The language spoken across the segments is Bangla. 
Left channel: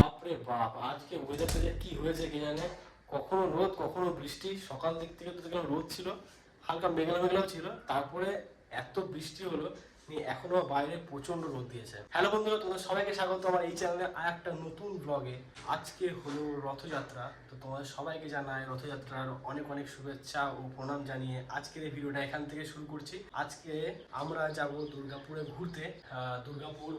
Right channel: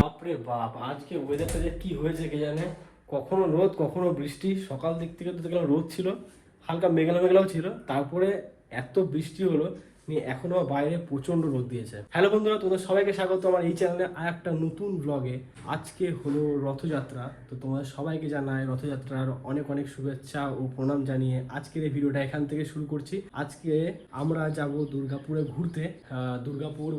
বাপরে বাপ, আজকে ওয়েদারটা যে কি হয়েছে কে জানে। কখনো রোদ কখনো বৃষ্টি। সকাল দিক থেকে তো দেখলাম রোদ ছিল, হালকা মেঘলা মেঘলাও ছিল, তারপরে এত বৃষ্টি হলো নিয়ে এখনো বাইরে প্রচন্ড রোদ দিয়েছে। হ্যালো বন্ধুরা, তোমাদের সবাইকে স্বাগত আমার এই চ্যানেলে আর একটা নতুন ব্লগে। আজকে হলো রথযাত্রা, তো তোমাদের সবাইকে জানাই রথযাত্রার অনেক অনেক শুভেচ্ছা ও প্রণাম জানিয়ে আজকের এই ভিডিওটা এখান থেকে শুরু করছি। আজকে আমরা যাব দুর্গাপুরে ঘুরতে। দুর্গাপুর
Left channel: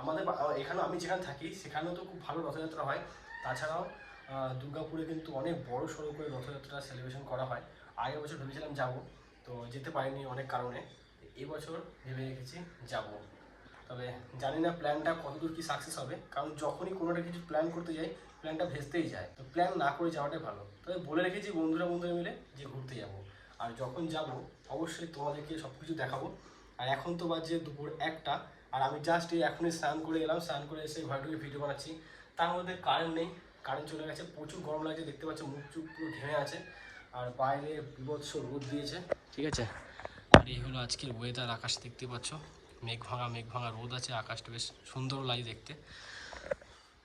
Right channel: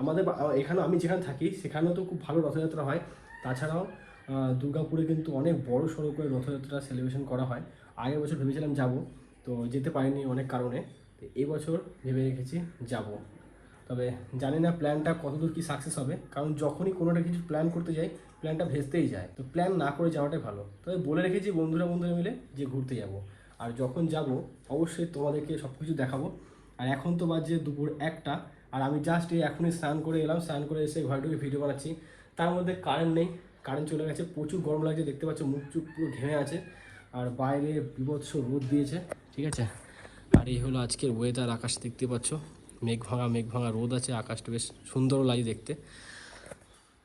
আমাদের এখানে আমি যেখানে থাকি সেখানেও তো খুব ভালো রথযাত্রা হয়। তাছাড়াও দুর্গাপুরে কিন্তু অনেক বড় সড়ো করে রথযাত্রা সেলিব্রেশন করা হয়। আগের বছর ভেবেছিলাম যাব, তো যেতে পারিনি অনেক কারণে। তো এবছর ভেবে রেখেছি যাব, তবে জানি না প্ল্যানটা কতদূর কি সাকসেস হবে, কারণ যখনই কোনোটা কিছু প্ল্যান করতে যাই প্ল্যানটা ভেস্তেই যায়। তো প্ল্যান না করে যাওয়াটাই ভালো। তবে বলে রেখেছি বন্ধুরা মিলে যে ঘুরতে যাব, আর যখন যাব অবশ্যই তোমাদেরকে সব কিছু দেখাবো। আর এখন তো বাজে দুপুর 1টা, আর আমি জাস্ট এই এখনই স্নান করে এলাম। স্নান করে এসে ঘরে ভিডিও বানাচ্ছি। তার মধ্যে কারেন্ট নেই, কারেন্ট চলে গেছে। প্রচুর গরম লাগছে, দেখতে পাচ্ছ মুখ চুপ পুরো ঘেমে আছে। আর বাইরে বিভৎস রোদ দিয়েছে, ঠিক আছে। আর এই হলো আজকের ওয়েদার। আকাশ দেখতে পাচ্ছ, মেঘ ভাঙা রোদ আছে, আকাশটা বেশ সুন্দর লাগে দেখতে।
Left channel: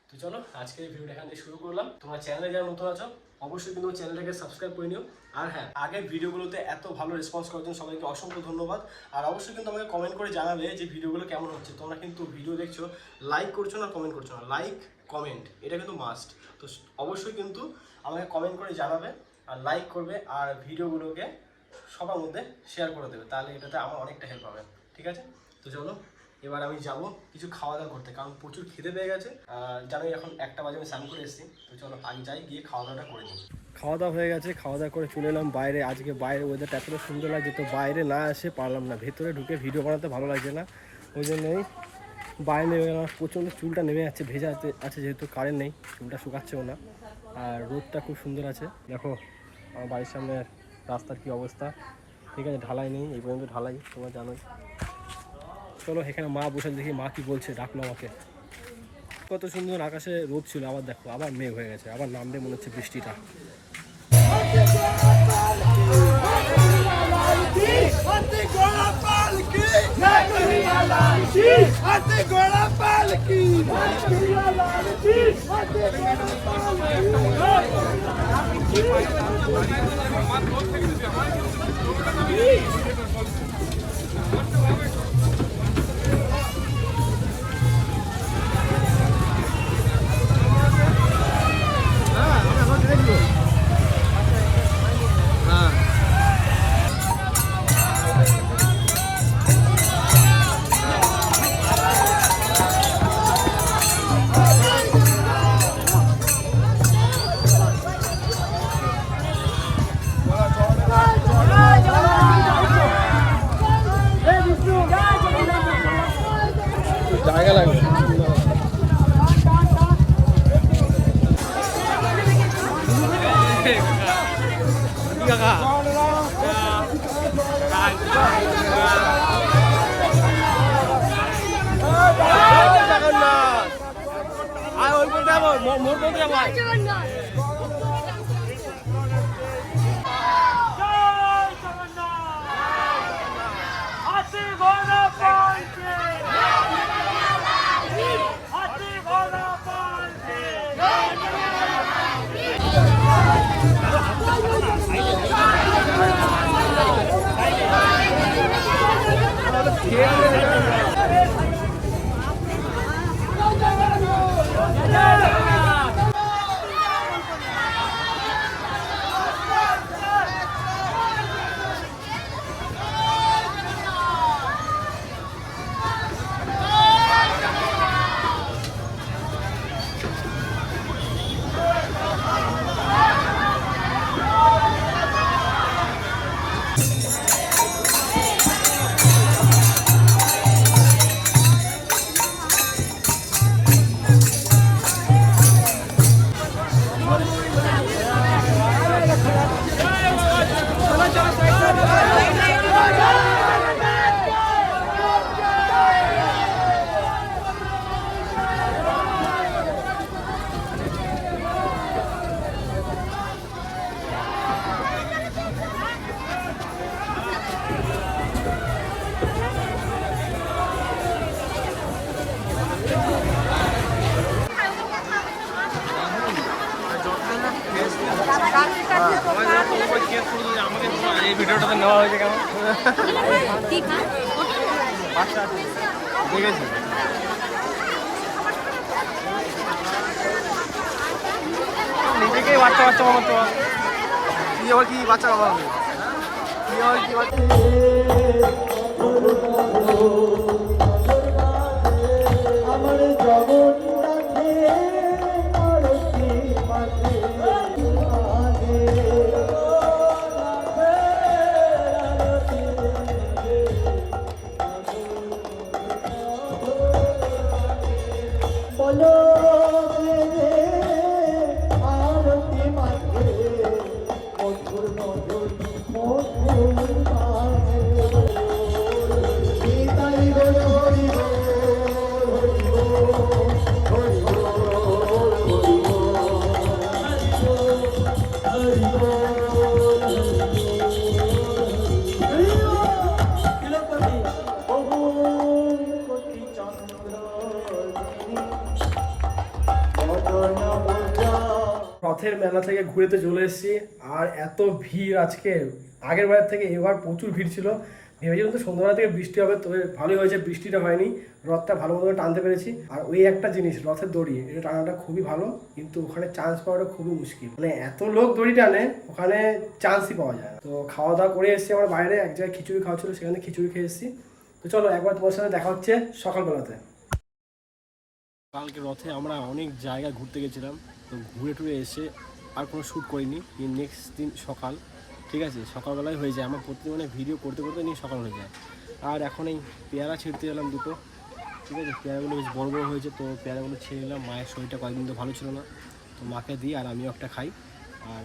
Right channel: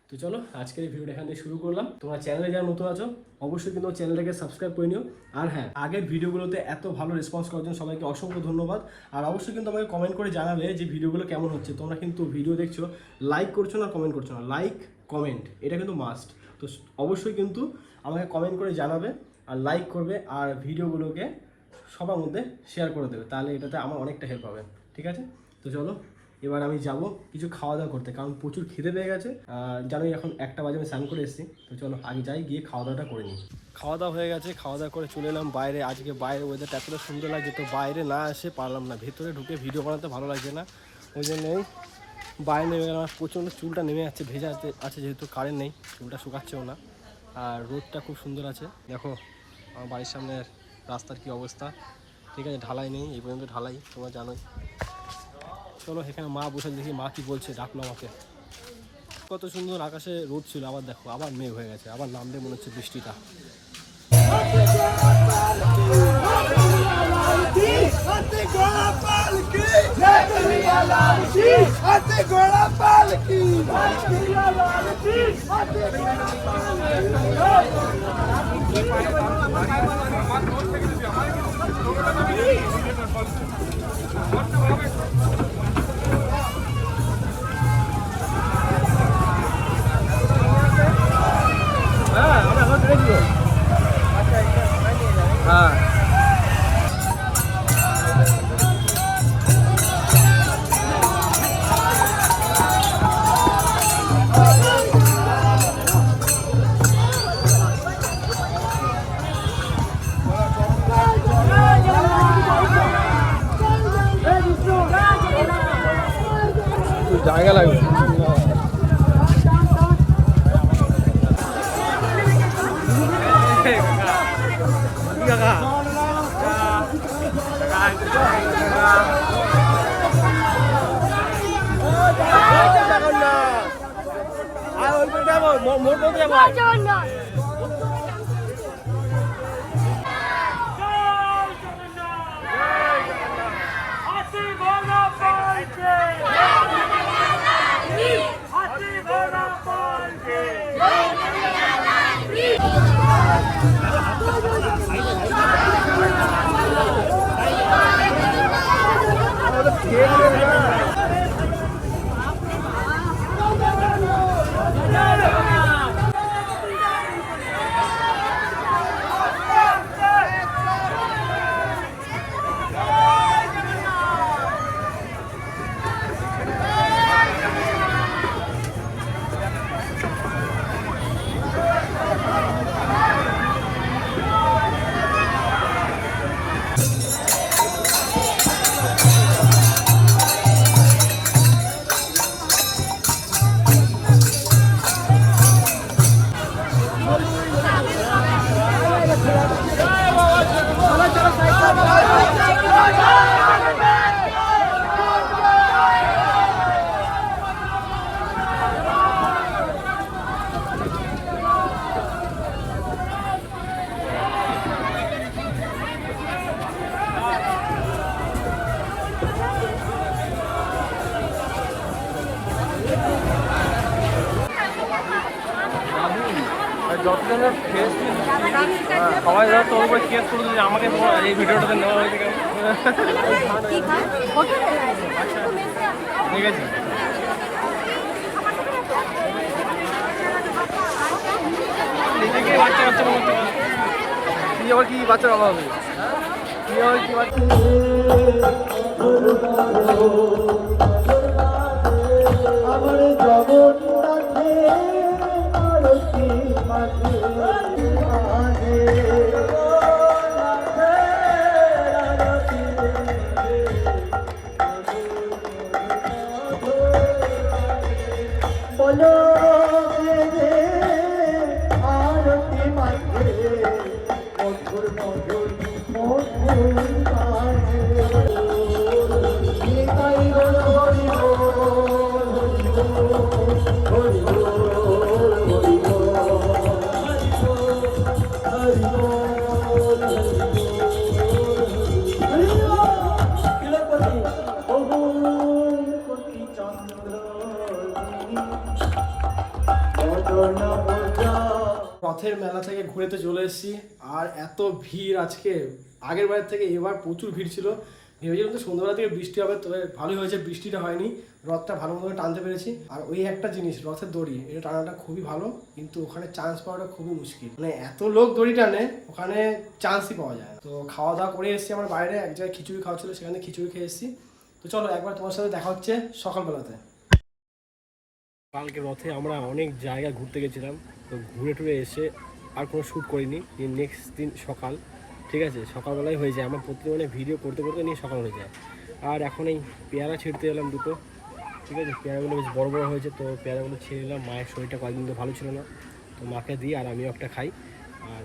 তো চলো আজকের এই ভিডিওটা এখান থেকে শুরু করলাম। তোমার চ্যানেলে যারা নতুন আছো অবশ্যই কিন্তু চ্যানেলটাকে সাবস্ক্রাইব করে নিও। আর হ্যাঁ, আগের ভিডিওগুলোতে এত ভালো রেসপন্স করার জন্য সবাইকে অসংখ্য ধন্যবাদ। আর অবশ্যই কিন্তু আমাকে কমেন্ট করে জানাবে যে ভিডিওগুলো কেমন হচ্ছে। তোমরা কিন্তু ভিডিও দেখছো, লাইক করছো না কমেন্ট করছো না। লাইক কমেন্ট এটা কিন্তু মাস্ট। তো অবশ্যই কিন্তু আমাকে কমেন্ট করে জানাবে আর লাইক করবে, আর ভিডিওগুলোকে সবার মধ্যে শেয়ার করে দেবে, তাহলে এটাতে আমার অনেকটা হেল্প হবে, ঠিক আছে। তো চলো এবার আমি যাব কিছু খাওয়া দাওয়া করতে, কারণ প্রচুর খিদে পেয়ে গেছে। জানোই এখন 1টা বাজে, আমি স্নান করে এসেছি। তো চলো আগে যাই, গিয়ে খাওয়া দাওয়াটা করে নিই। খাওয়া দাওয়া হয়ে গেছে, খাওয়া দাওয়া করে চলে এলাম বাইরে। আজকে বাইরে ওয়েদারটা এতটা সুন্দর লাগছে, তো বাইরে না এসে পারলাম না। ভেতরে ঢুকে ভিডিও বানাতে ভালো লাগছে না, ওই জন্যই বাইরে নেমে গেলাম। প্রচণ্ড চুলটা নেমে যাচ্ছে, ভেজা আছে যেহেতু কারেন্ট নেই, চুলটা শুকাচ্ছেও না। আর রোদটা খুব সুন্দর আছে। দেখো আমার বাড়ির সামনে রাস্তার কি অবস্থা, ঠিক আছে। ঢালাই নেই এই পর্যন্ত, ঢালাই তোমরা জানোই। চলো এখানে মা বসে, দেখি মা কি বলছে, ডাকলো আমাকে। কত সুন্দর আকাশে রোদ ছিল, আবার দেখো আবার মেঘ হয়ে গেছে, আবার নামবে মনে হচ্ছে বৃষ্টিটা। মোর বলতে যাবো। সবাই আমাকে এই ভিডিওটাতে নেওয়া হয়েছে কেন? ঠিক আছে, বাচ্চা বাচ্চা মতো কি আবার কি বাচ্চা বাবা হবে কি আবার কি বাচ্চা রথের মেলা থেকে ঘুরেতে চলে এসেছি। আর এত ভিড় আজকে, আগের বারের থেকে এবার প্রচুর ভিড় ছিল। ভেবেছিলাম তো সন্ধ্যাবেলা থেকে বৃষ্টি হবে, তবে ভালোই হয়েছে, বৃষ্টিটা হয়নি। রথটা ভালো মতো টানতে পেরেছি। আর ওই একটা জিনিস, রথের দড়ি, এটা টানাটা খুবই ভালো, কিন্তু ওখানে চান্স পাওয়াটা খুবই মুশকিল। মানে এত লোক দড়ি টানে, ওখানে চান্সই পাওয়া যায় না। তো খাওয়া দাওয়া করে এসেছি আমার বাইরে, এক জায়গায় খিচুড়ি খাওয়া ছিল, সেখানে খিচুড়ি খেয়ে এসেছি। তো চলো একবার তোমার সাথে দেখা হচ্ছে সকালবেলাতে। কালকে রথে আমরা অনেক জায়গায় ঘুরতে গেছিলাম, তো ঘুরে টুরে এসে আর কোনো শ্যুট করিনি। নেক্সট দিন সকাল, ঠিক আছে, সকালবেলায় হয়ে যায়। আমার প্রতিদিন মানে ভিডিও করতে করতে নিয়ে সকাল হয়ে যায়। আর এখন এই পেয়ারা ছিঁড়তে এলাম দুটো, ঠিক আছে, পেয়ারাগুলো বেশ বড় বড় হয়েছে, তো পেয়ারাগুলো ছিঁড়ে নিলাম। মায়ের শরীরটা কয়েকদিন তো ভালো ছিল না, তো মাকে দিই আর আমিও একটা খাই। আর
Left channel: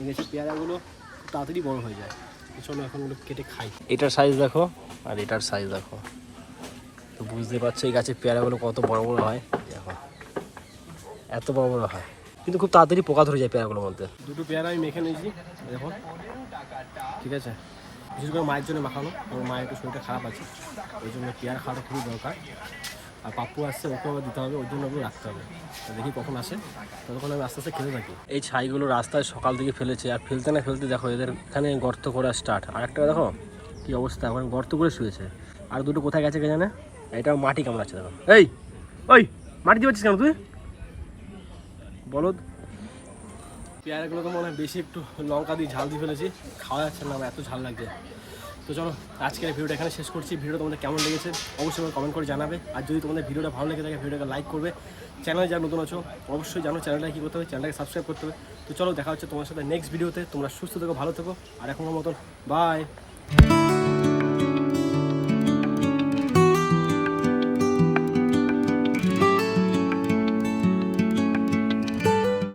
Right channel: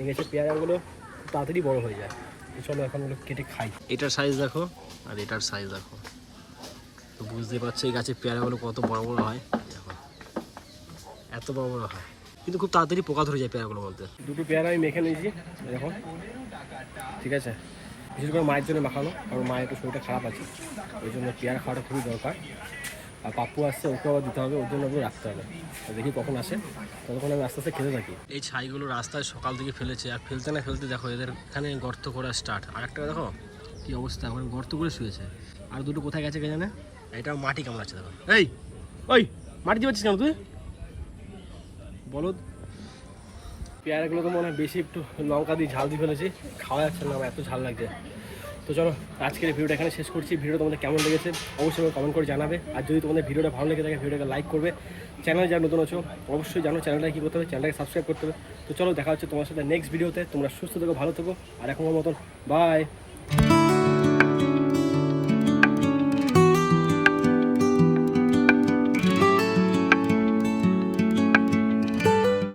এই গেছে পেয়ারাগুলো খুব তাড়াতাড়ি বড় হয়ে যায়। তো চলো এখন ওগুলো কেটে খাই। এটার সাইজ দেখো আর এটার সাইজ দেখো, তো বুঝতে পারছো এই গাছের পেয়ারাগুলো কত বড় বড় হয়। দেখো এত বড় বড় হয়, কিন্তু খুব তাড়াতাড়ি পোকা ধরে যায় পেয়ারাগুলোর মধ্যে। দুটো পেয়ারা আমি মেখে নিয়েছি দেখো, ঠিক আছে, বিশেষ করে মায়ের জন্য মাখানো, কারণ মায়ের একটু শরীরটা খারাপ আছে, ওই জন্য পেয়ারা খাওয়াটা খুবই দরকার। আর পাপ্পু আসছে, ওকে আবার দিতে হবে, ওর জন্য ওগুলো রাখতে হবে। তো দেখি কখন আসে, ততক্ষণ আমি আস্তে আস্তে খেতে থাকি। এই ছাইগুলো রাস্তায় সকাল থেকে ফেলেছে, আর ফেলতে না ফেলতে দেখো এদের এখানে গর্ত করা স্টার্ট। আর একটা দেখো কী অবস্থা, এখন গর্ত করে শুয়েছে। আর দুটো কোথায় গেছে কে জানে, এটা মাটি কামড়াচ্ছে দেখো। এই ওই মাটি দিচ্ছিস কেন তুই, বলদ। পেয়ারাগুলো তো মনে হয় বেশি একটু লঙ্কা দিয়ে ঝাল দিয়ে ফেলেছি, খাওয়া যাচ্ছে না, এত ঝাল লাগছে। তো চলো আজকের ভিডিওটা এখানে শেষ করছি। ভিডিও তোমাদের কেমন লেগেছে অবশ্যই কমেন্ট করে জানাবে। আর যদি তোমাদের ভিডিওটা ভালো লেগে থাকে ভিডিওটাকে লাইক করবে। চ্যানেলে যারা নতুন আছো অবশ্যই জানো চ্যানেলটাকে কী করতে হবে, চ্যানেলটাকে সাবস্ক্রাইব করতে হবে। তো চলো দেখা হচ্ছে তোমার সাথে নেক্সট ভিডিওতে। তোমরা সুস্থ থেকো, ভালো থেকো, আর এখনকার মতন বাই।